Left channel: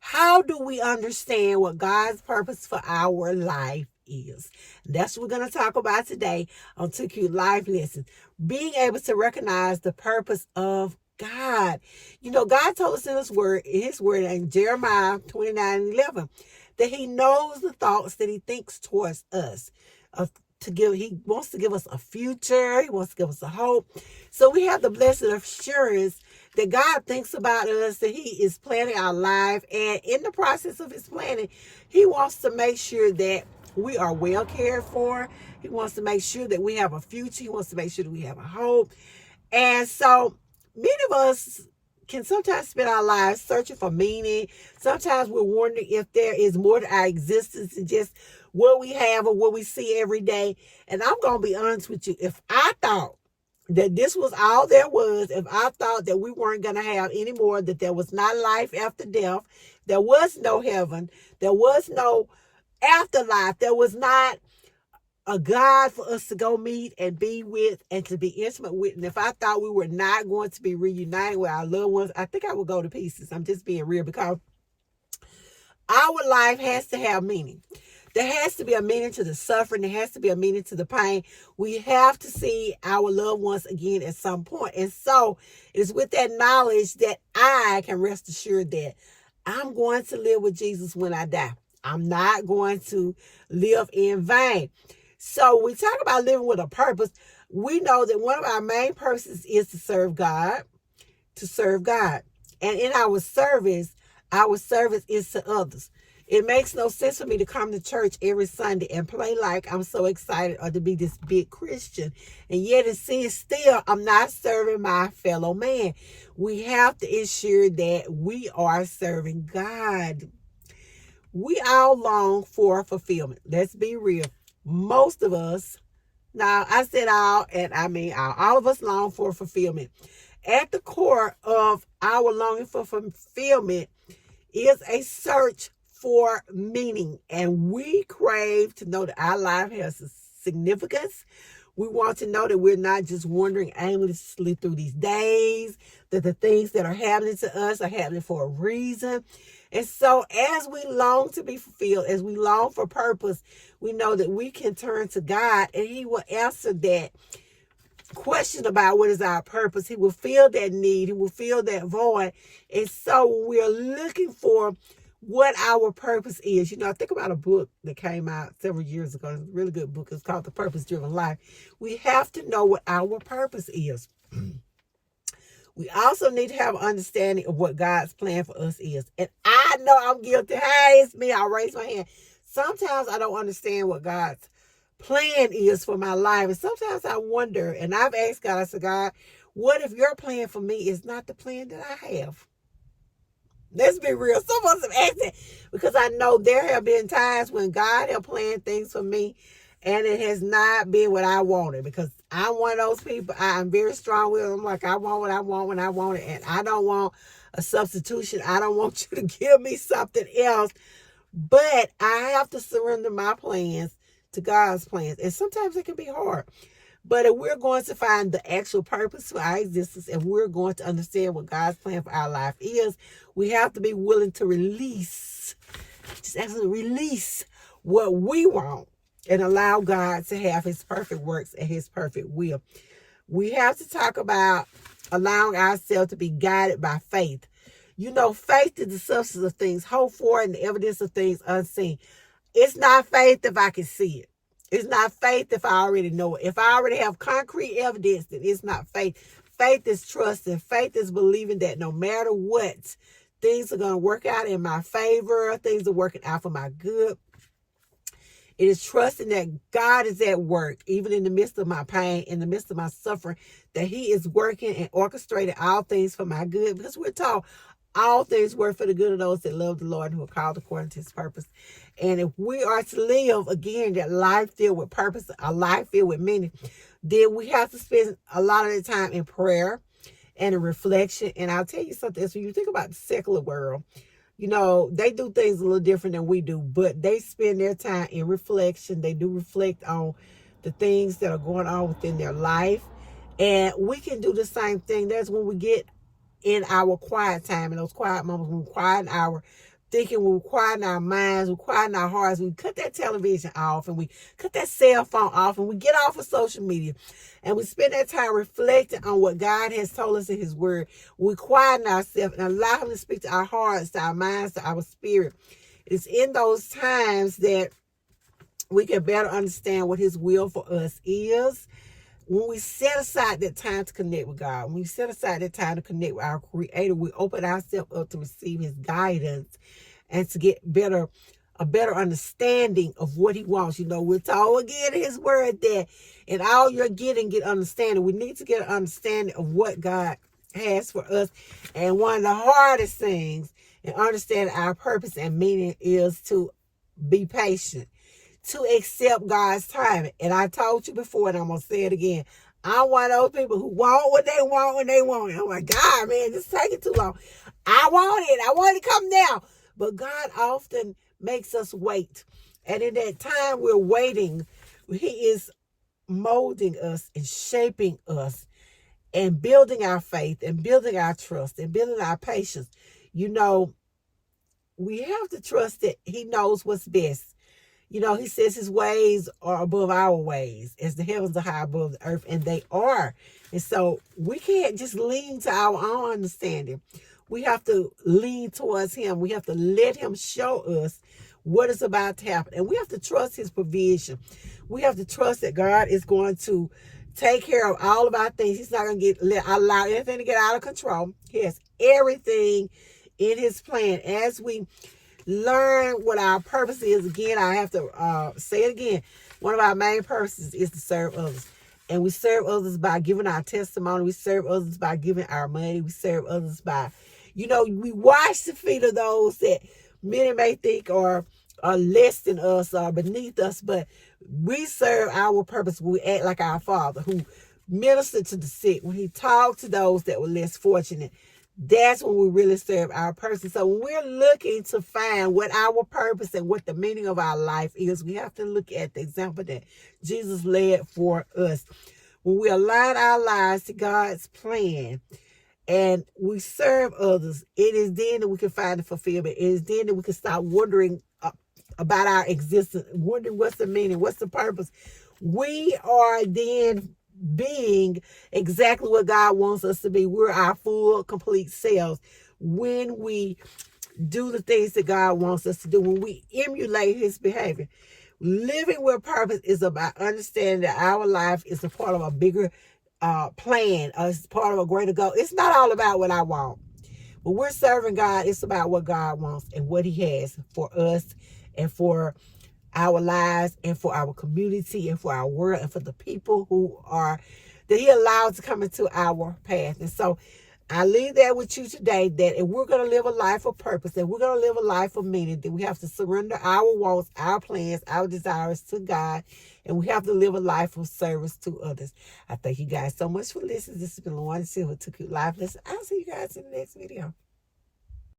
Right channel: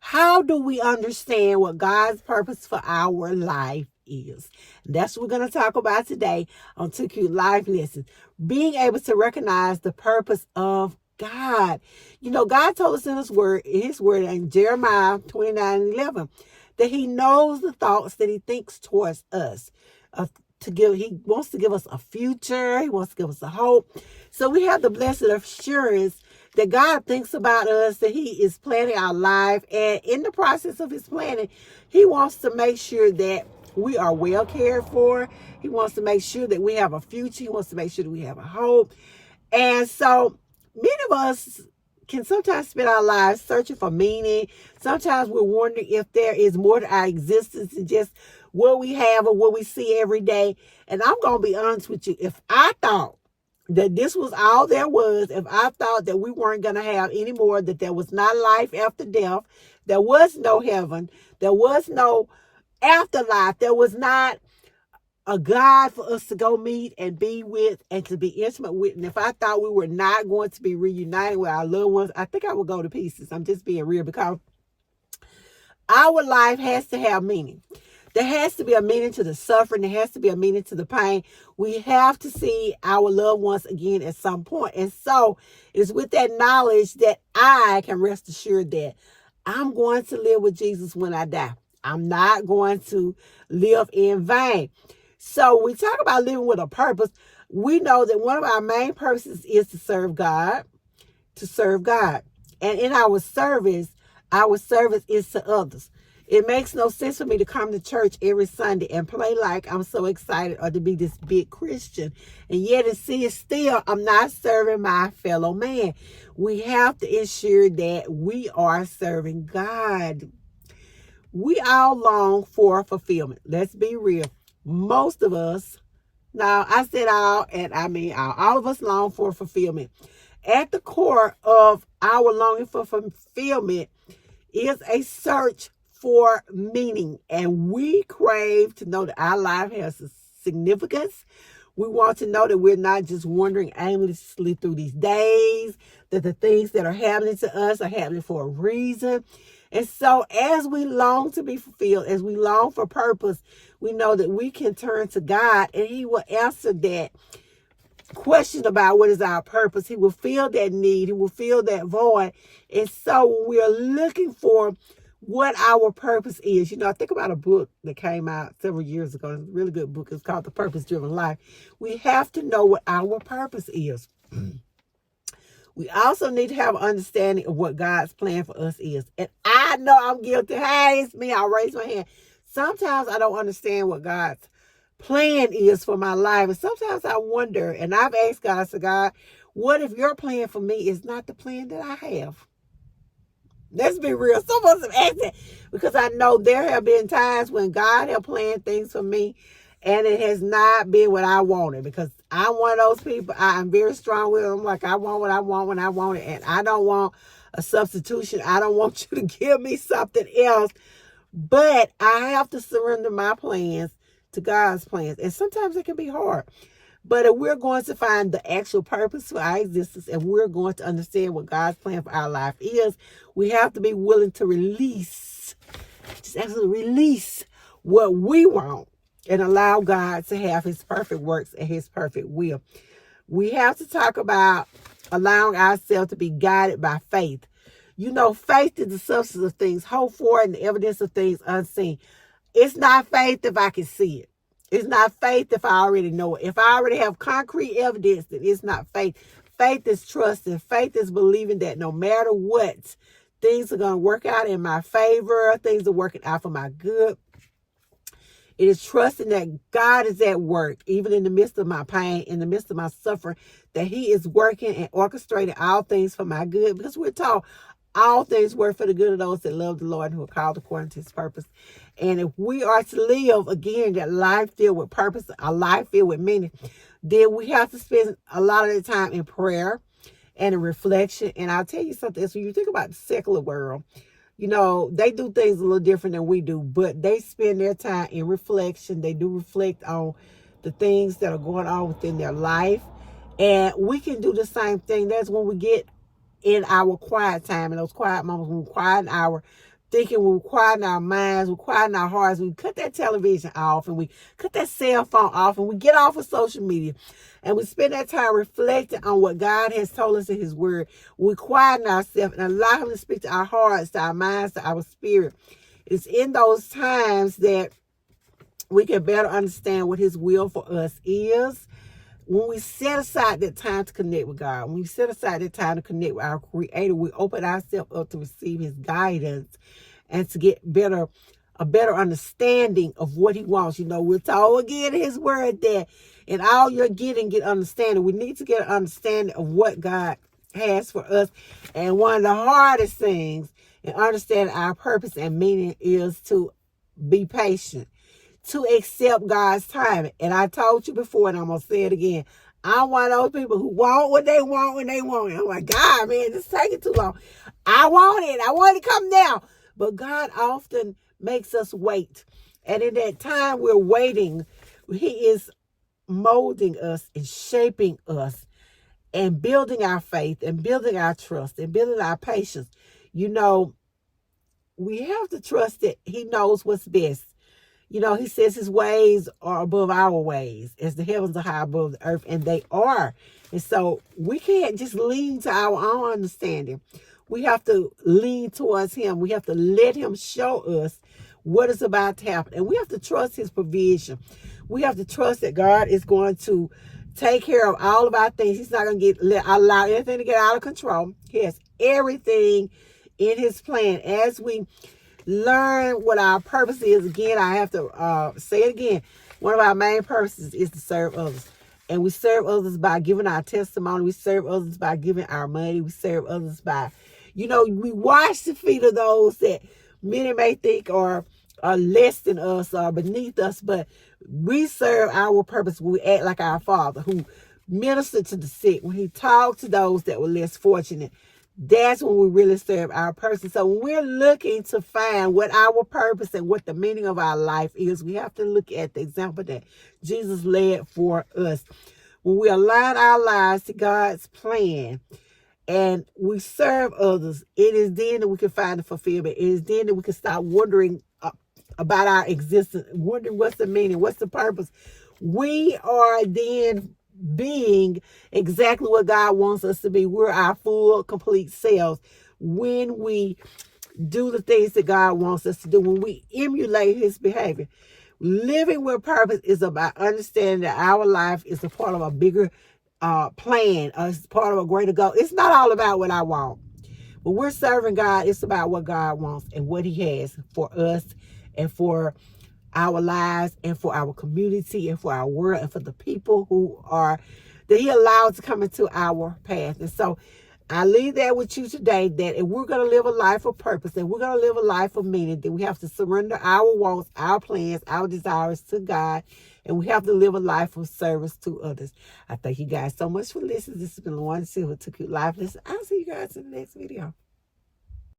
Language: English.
How do we understand what God's purpose for our life is? That's what we're going to talk about today on 2Q Life Lessons. Being able to recognize the purpose of God. You know, God told us in His word in Jeremiah 29:11, that He knows the thoughts that He thinks towards us. He wants to give us a future. He wants to give us a hope. So we have the blessed assurance that God thinks about us, that He is planning our life. And in the process of His planning, He wants to make sure that we are well cared for. He wants to make sure that we have a future. He wants to make sure that we have a hope. And so many of us can sometimes spend our lives searching for meaning. Sometimes we're wondering if there is more to our existence than just what we have or what we see every day. And I'm going to be honest with you. If I thought that this was all there was, if I thought that we weren't going to have any more, that there was not life after death, there was no heaven, there was no afterlife, there was not a God for us to go meet and be with and to be intimate with. And if I thought we were not going to be reunited with our loved ones, I think I would go to pieces. I'm just being real, because our life has to have meaning. There has to be a meaning to the suffering. There has to be a meaning to the pain. We have to see our loved ones again at some point. And so it is with that knowledge that I can rest assured that I'm going to live with Jesus when I die. I'm not going to live in vain. So we talk about living with a purpose. We know that one of our main purposes is to serve God, And in our service is to others. It makes no sense for me to come to church every Sunday and play like I'm so excited or to be this big Christian. And yet still, I'm not serving my fellow man. We have to ensure that we are serving God. We all long for fulfillment. Let's be real. Most of us, now I said all, and I mean all of us long for fulfillment. At the core of our longing for fulfillment is a search for meaning, and we crave to know that our life has a significance. We want to know that we're not just wandering aimlessly through these days, that the things that are happening to us are happening for a reason. And so as we long to be fulfilled, as we long for purpose, we know that we can turn to God and He will answer that question about what is our purpose. He will fill that need. He will fill that void. And so when we are looking for what our purpose is, I think about a book that came out several years ago. It's a really good book. It's called The Purpose Driven Life. We have to know what our purpose is. We also need to have an understanding of what God's plan for us is. And I know I'm guilty. Hey, it's me. I'll raise my hand. Sometimes I don't understand what God's plan is for my life. And sometimes I wonder, and I've asked God, I said, God, what if your plan for me is not the plan that I have? Let's be real. Some of us have asked that, because I know there have been times when God has planned things for me and it has not been what I wanted, because I'm one of those people. I'm very strong with them. Like, I want what I want when I want it, and I don't want a substitution. I don't want you to give me something else. But I have to surrender my plans to God's plans. And sometimes it can be hard. But if we're going to find the actual purpose for our existence, and we're going to understand what God's plan for our life is, we have to be willing to release what we want and allow God to have His perfect works and His perfect will. We have to talk about allowing ourselves to be guided by faith. Faith is the substance of things hoped for and the evidence of things unseen. It's not faith if I can see it. It's not faith if I already know it. If I already have concrete evidence, then it's not faith. Faith is trusting. Faith is believing that no matter what, things are going to work out in my favor. Things are working out for my good. It is trusting that God is at work, even in the midst of my pain, in the midst of my suffering, that He is working and orchestrating all things for my good. Because we're told all things work for the good of those that love the Lord and who are called according to His purpose. And if we are to live, again, that life filled with purpose, a life filled with meaning, then we have to spend a lot of the time in prayer and in reflection. And I'll tell you something, so you think about the secular world, they do things a little different than we do, but they spend their time in reflection. They do reflect on the things that are going on within their life. And we can do the same thing. That's when we get in our quiet time, in those quiet moments, when we quieten our thinking, we quieten our minds, we quieten our hearts, we cut that television off, and we cut that cell phone off, and we get off of social media, and we spend that time reflecting on what God has told us in His Word. We quieten ourselves and allow Him to speak to our hearts, to our minds, to our spirit. It's in those times that we can better understand what His will for us is. When we set aside that time to connect with God, when we set aside that time to connect with our Creator, we open ourselves up to receive His guidance and to get a better understanding of what He wants. You know, we're told again in His Word that in all you're getting, get understanding. We need to get an understanding of what God has for us. And one of the hardest things in understanding our purpose and meaning is to be patient, to accept God's timing. And I told you before, and I'm going to say it again, I'm one of those people who want what they want when they want it. I'm like, God, man, this is taking too long. I want it. I want it to come now. But God often makes us wait. And in that time we're waiting, He is molding us and shaping us and building our faith and building our trust and building our patience. You know, we have to trust that He knows what's best. You know, He says His ways are above our ways, as the heavens are high above the earth, and they are. And so we can't just lean to our own understanding. We have to lean towards Him. We have to let Him show us what is about to happen. And we have to trust His provision. We have to trust that God is going to take care of all of our things. He's not going to allow anything to get out of control. He has everything in His plan. As we learn what our purpose is, again, I have to say it again. One of our main purposes is to serve others. And we serve others by giving our testimony. We serve others by giving our money. We serve others by, you know, we wash the feet of those that many may think are less than us or beneath us. But we serve our purpose when we act like our Father, who ministered to the sick, when He talked to those that were less fortunate. That's when we really serve our purpose. So when we're looking to find what our purpose and what the meaning of our life is, we have to look at the example that Jesus led for us. When we align our lives to God's plan and we serve others, it is then that we can find the fulfillment. It is then that we can stop wondering about our existence, wondering what's the meaning, what's the purpose. We are then being exactly what God wants us to be. We're our full, complete selves when we do the things that God wants us to do, when we emulate His behavior. Living with purpose is about understanding that our life is a part of a bigger plan, it's part of a greater goal. It's not all about what I want. When we're serving God, it's about what God wants and what He has for us and for our lives and for our community and for our world and for the people who are, that He allows to come into our path. And so I leave that with you today, that if we're going to live a life of purpose, and we're going to live a life of meaning, that we have to surrender our wants, our plans, our desires to God, and we have to live a life of service to others. I thank you guys so much for listening. This has been LaWanda Silver, Took You Life Lesson. I'll see you guys in the next video.